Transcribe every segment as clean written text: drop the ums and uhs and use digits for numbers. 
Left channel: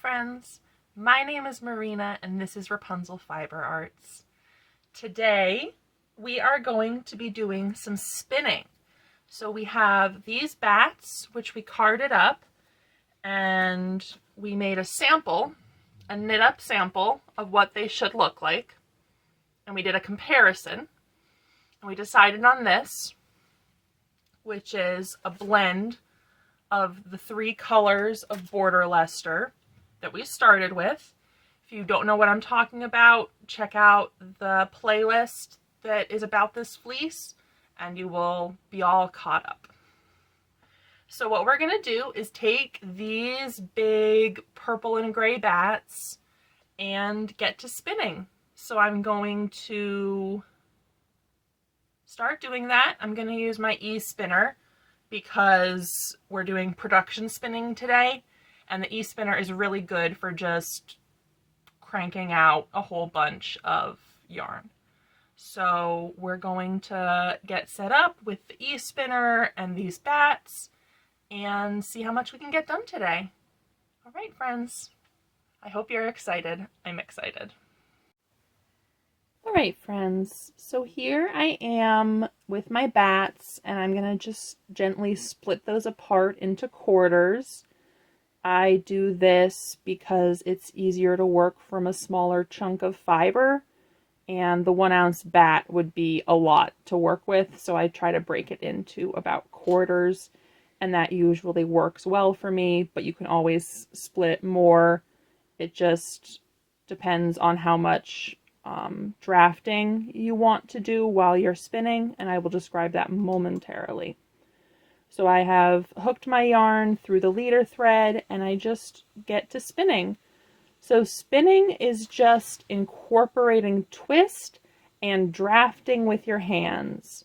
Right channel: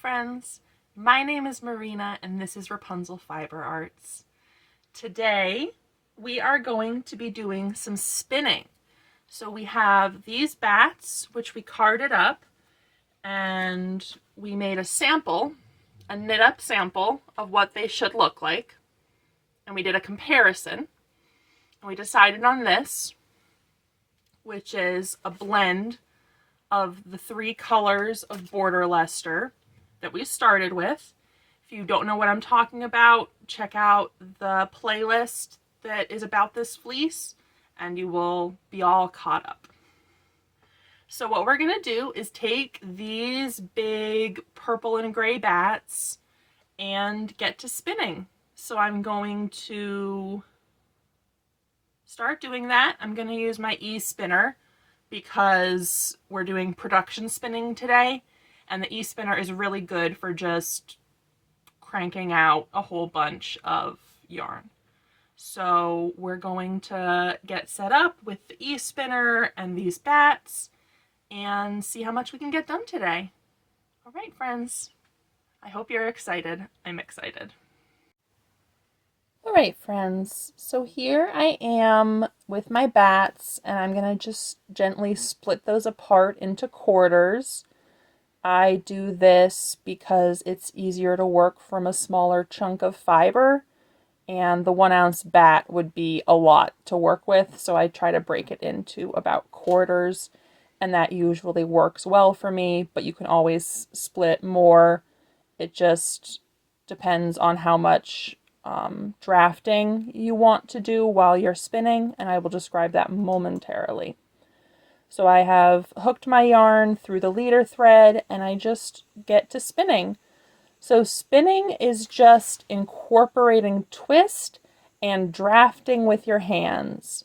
friends, my name is Marina and this is Rapunzel Fiber Arts. Today we are going to be doing some spinning. So we have these bats which we carded up and we made a sample, a knit up sample of what they should look like. And we did a comparison and we decided on this, which is a blend of the three colors of Border Leicester that we started with. If you don't know what I'm talking about, check out the playlist that is about this fleece and you will be all caught up. So what we're going to do is take these big purple and gray bats and get to spinning. So I'm going to start doing that. I'm going to use my e-spinner because we're doing production spinning today, and the e-spinner is really good for just cranking out a whole bunch of yarn. So we're going to get set up with the e-spinner and these bats and see how much we can get done today. All right, friends. I hope you're excited. I'm excited. All right, friends, so here I am with my bats, and I'm going to just gently split those apart into quarters. I do this because it's easier to work from a smaller chunk of fiber, and the 1 ounce bat would be a lot to work with, so I try to break it into about quarters, and that usually works well for me, but you can always split more. It just depends on how much drafting you want to do while you're spinning, and I will describe that momentarily. So I have hooked my yarn through the leader thread and I just get to spinning. So spinning is just incorporating twist and drafting with your hands.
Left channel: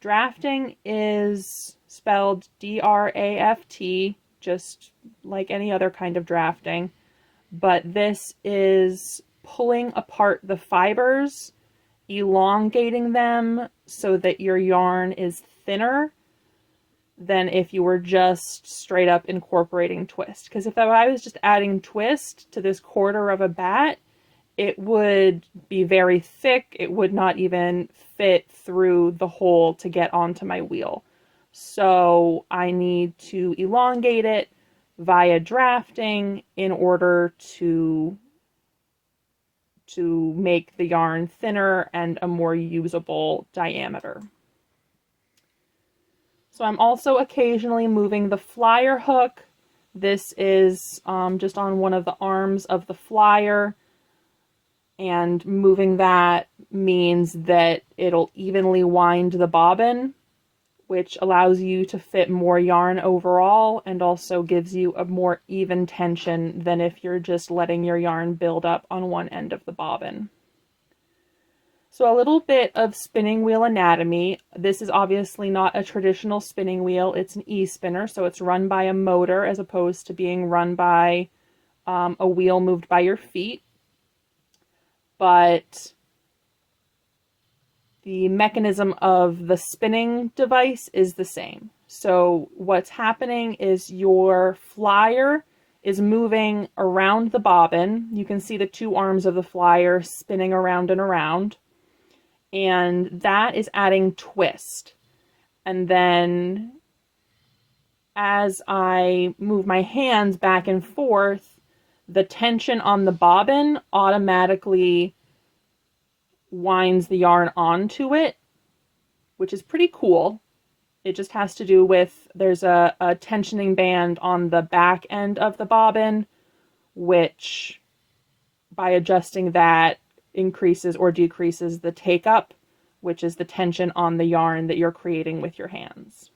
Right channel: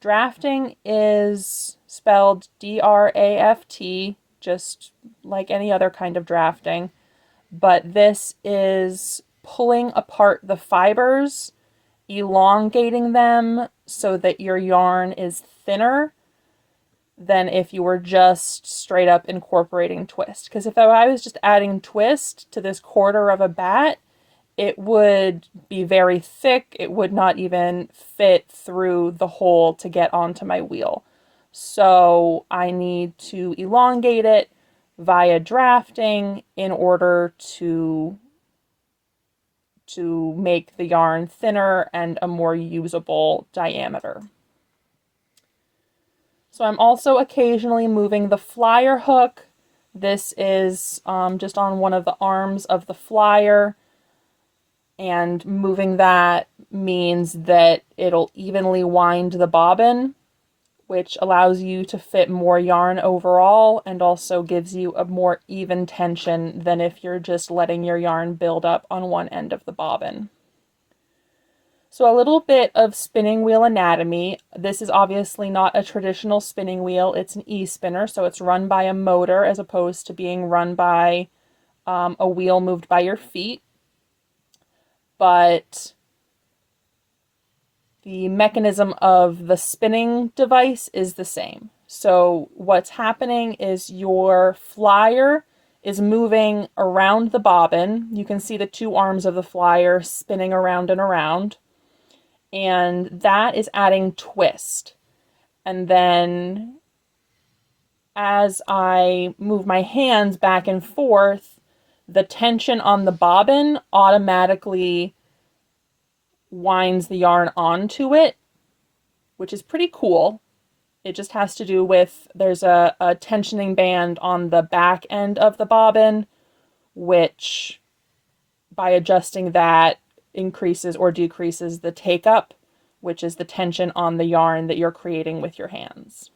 Drafting is spelled D-R-A-F-T, just like any other kind of drafting, but this is pulling apart the fibers, elongating them so that your yarn is thinner than if you were just straight up incorporating twist. Because if I was just adding twist to this quarter of a bat, it would be very thick. It would not even fit through the hole to get onto my wheel. So I need to elongate it via drafting in order to make the yarn thinner and a more usable diameter. So I'm also occasionally moving the flyer hook. This is just on one of the arms of the flyer, and moving that means that it'll evenly wind the bobbin, which allows you to fit more yarn overall and also gives you a more even tension than if you're just letting your yarn build up on one end of the bobbin. So a little bit of spinning wheel anatomy. This is obviously not a traditional spinning wheel. It's an e-spinner, so it's run by a motor as opposed to being run by a wheel moved by your feet. But the mechanism of the spinning device is the same. So what's happening is your flyer is moving around the bobbin. You can see the two arms of the flyer spinning around and around. And that is adding twist. And then as I move my hands back and forth, the tension on the bobbin automatically winds the yarn onto it, which is pretty cool. It just has to do with, there's a tensioning band on the back end of the bobbin, which by adjusting that increases or decreases the take up, which is the tension on the yarn that you're creating with your hands.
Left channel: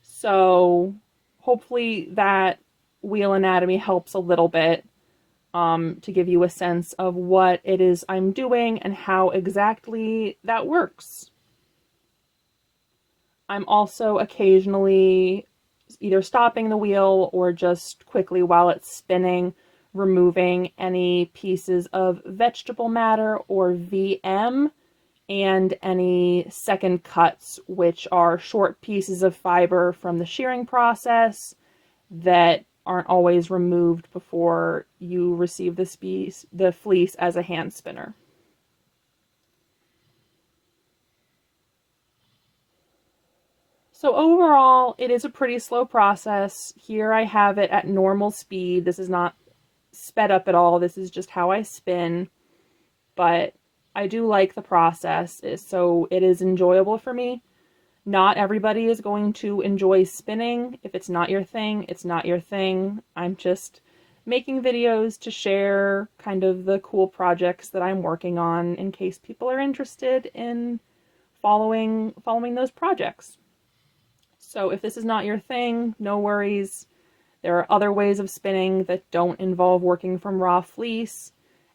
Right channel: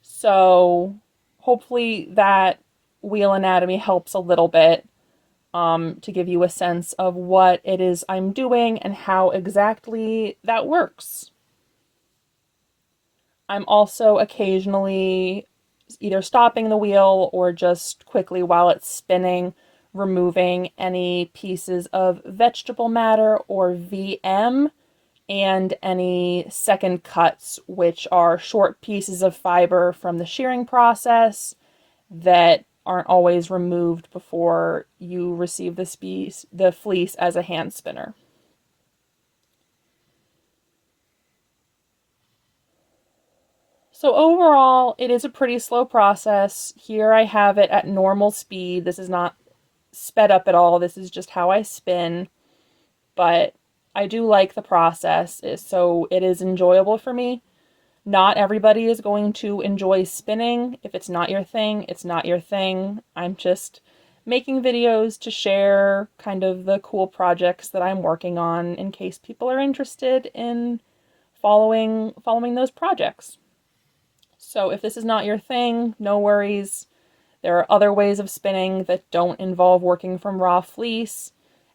So hopefully that wheel anatomy helps a little bit to give you a sense of what it is I'm doing and how exactly that works. I'm also occasionally either stopping the wheel or just quickly while it's spinning, removing any pieces of vegetable matter or VM and any second cuts, which are short pieces of fiber from the shearing process that aren't always removed before you receive the fleece as a hand spinner. So overall, it is a pretty slow process. Here I have it at normal speed. This is not sped up at all. This is just how I spin. But I do like the process, so it is enjoyable for me. Not everybody is going to enjoy spinning. If it's not your thing, it's not your thing. I'm just making videos to share kind of the cool projects that I'm working on in case people are interested in following those projects. So if this is not your thing, no worries. There are other ways of spinning that don't involve working from raw fleece,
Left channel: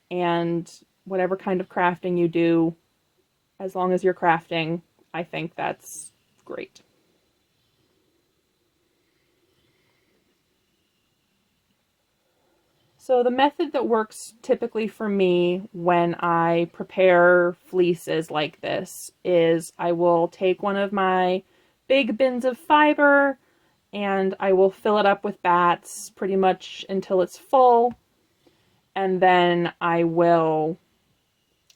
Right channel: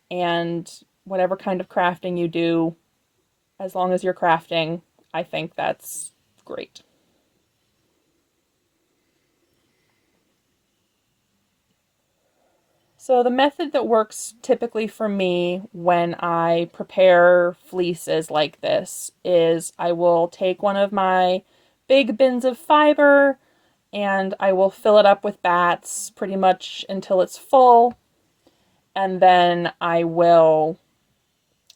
and whatever kind of crafting you do, as long as you're crafting, I think that's great. So the method that works typically for me when I prepare fleeces like this is I will take one of my big bins of fiber and I will fill it up with batts pretty much until it's full. And then I will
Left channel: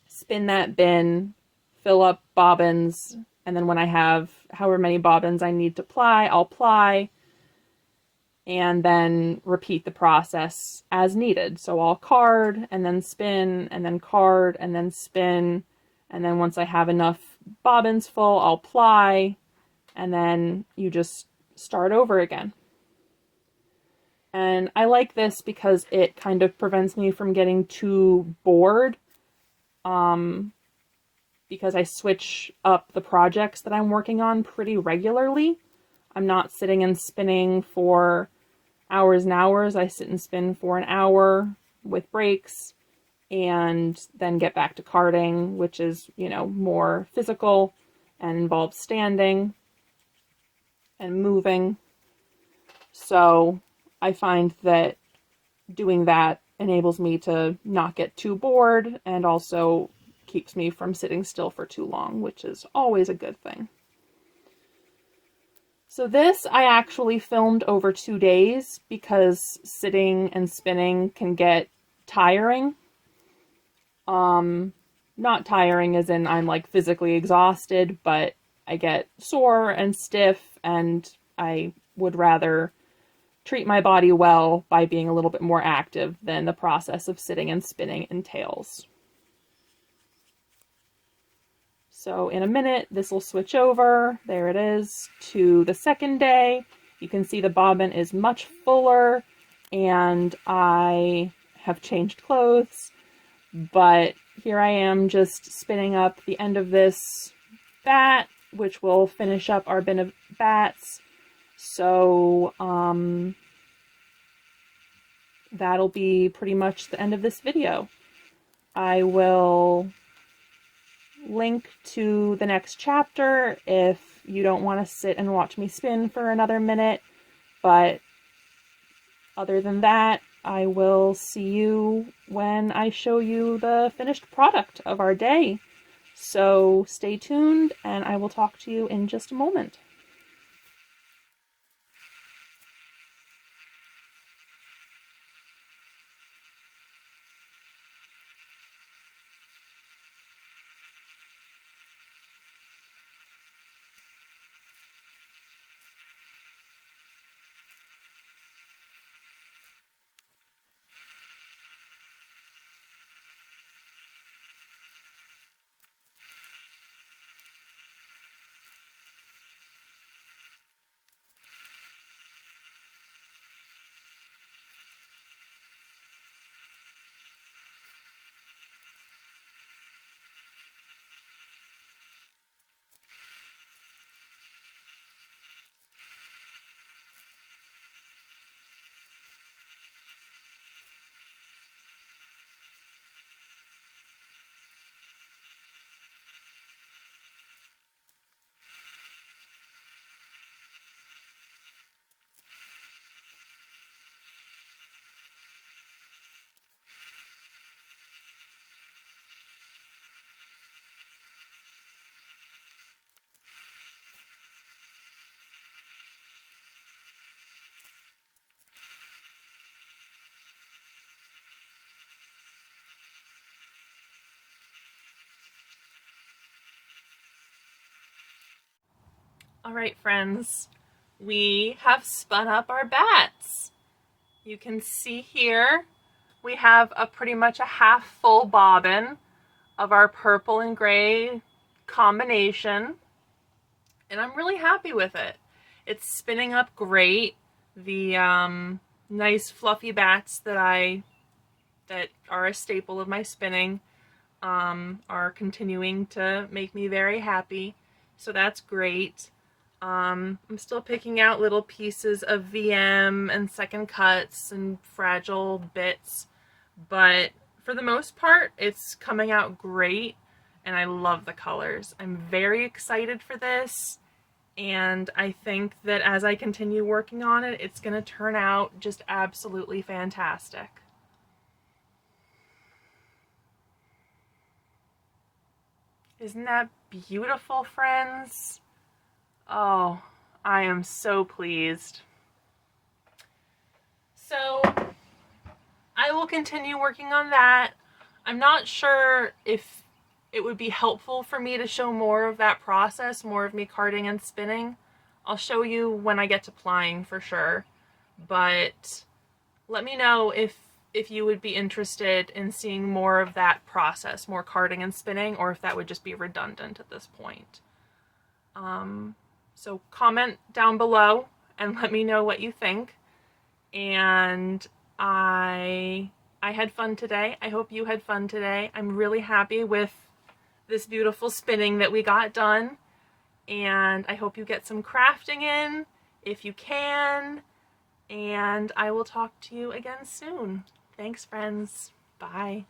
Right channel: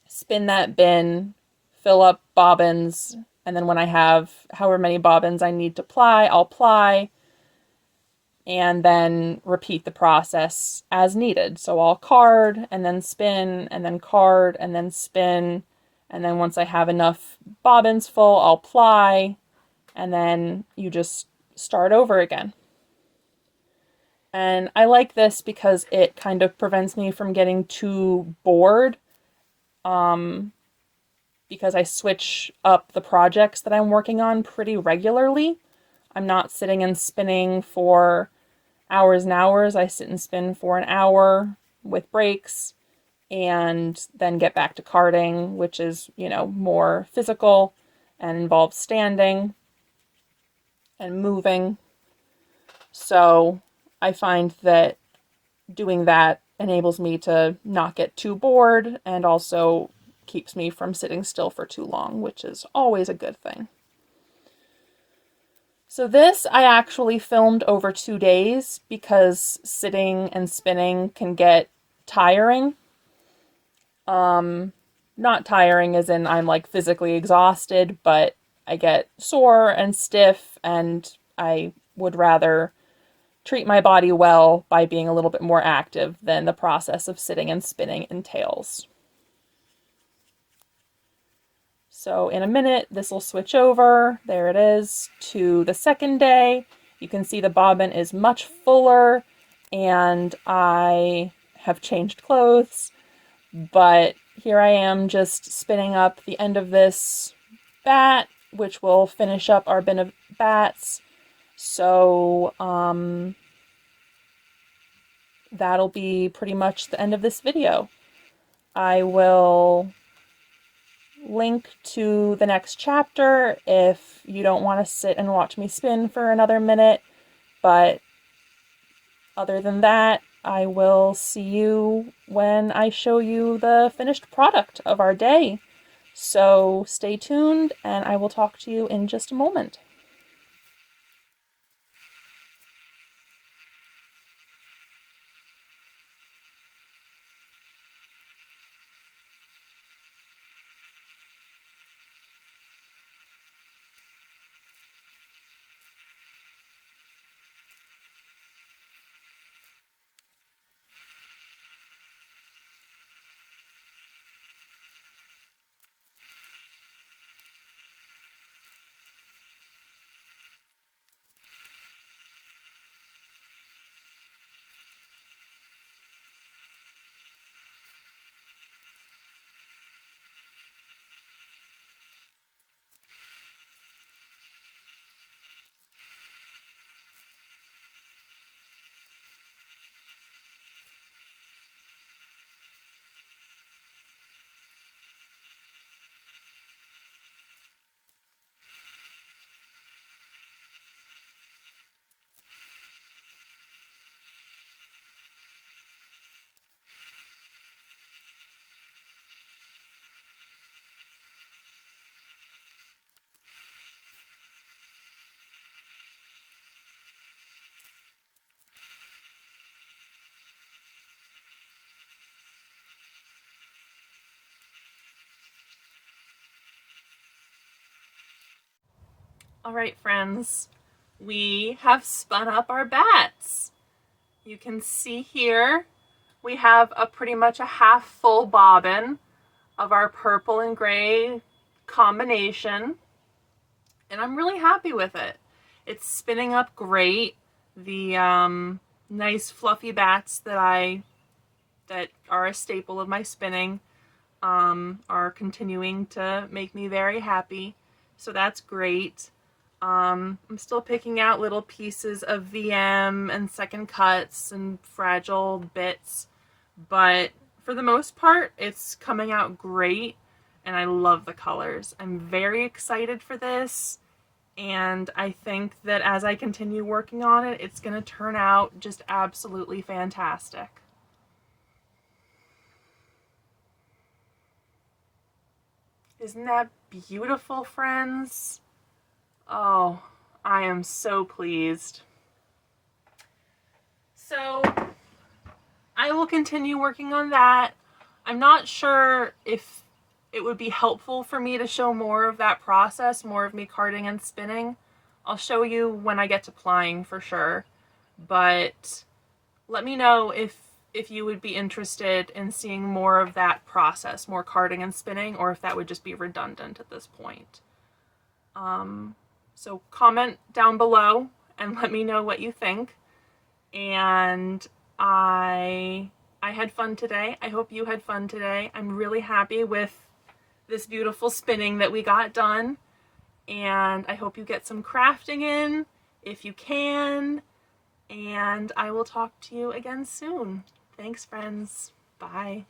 spin that bin, fill up bobbins, and then when I have however many bobbins I need to ply, I'll ply, and then repeat the process as needed. So I'll card and then spin and then card and then spin, and then once I have enough bobbins full, I'll ply, and then you just start over again. And I like this because it kind of prevents me from getting too bored, because I switch up the projects that I'm working on pretty regularly. I'm not sitting and spinning for hours and hours. I sit and spin for an hour with breaks and then get back to carding, which is, more physical and involves standing and moving. So I find that doing that enables me to not get too bored and also keeps me from sitting still for too long, which is always a good thing. So this I actually filmed over 2 days because sitting and spinning can get tiring. Not tiring as in I'm like physically exhausted, but I get sore and stiff, and I would rather treat my body well by being a little bit more active than the process of sitting and spinning entails. So in a minute, this will switch over, there it is, to the second day. You can see the bobbin is much fuller, and I have changed clothes, but here I am just spinning up the end of this bat, which will finish up our bin of bats. So that'll be pretty much the end of this video. I will link to the next chapter if you don't want to sit and watch me spin for another minute, but other than that, I will see you when I show you the finished product of our day. So stay tuned, and I will talk to you in just a moment. All right, friends, we have spun up our bats. You can see here we have pretty much a half full bobbin of our purple and gray combination, and I'm really happy with it. It's spinning up great. The nice fluffy bats that are a staple of my spinning are continuing to make me very happy, so that's great. I'm still picking out little pieces of VM and second cuts and fragile bits, but for the most part it's coming out great and I love the colors. I'm very excited for this, and I think that as I continue working on it, it's going to turn out just absolutely fantastic. Isn't that beautiful, friends? Oh, I am so pleased. So I will continue working on that. I'm not sure if it would be helpful for me to show more of that process, more of me carding and spinning. I'll show you when I get to plying for sure, but let me know if you would be interested in seeing more of that process, more carding and spinning, or if that would just be redundant at this point. So comment down below and let me know what you think. And I had fun today. I hope you had fun today. I'm really happy with this beautiful spinning that we got done. And I hope you get some crafting in if you can. And I will talk to you again soon. Thanks, friends. Bye.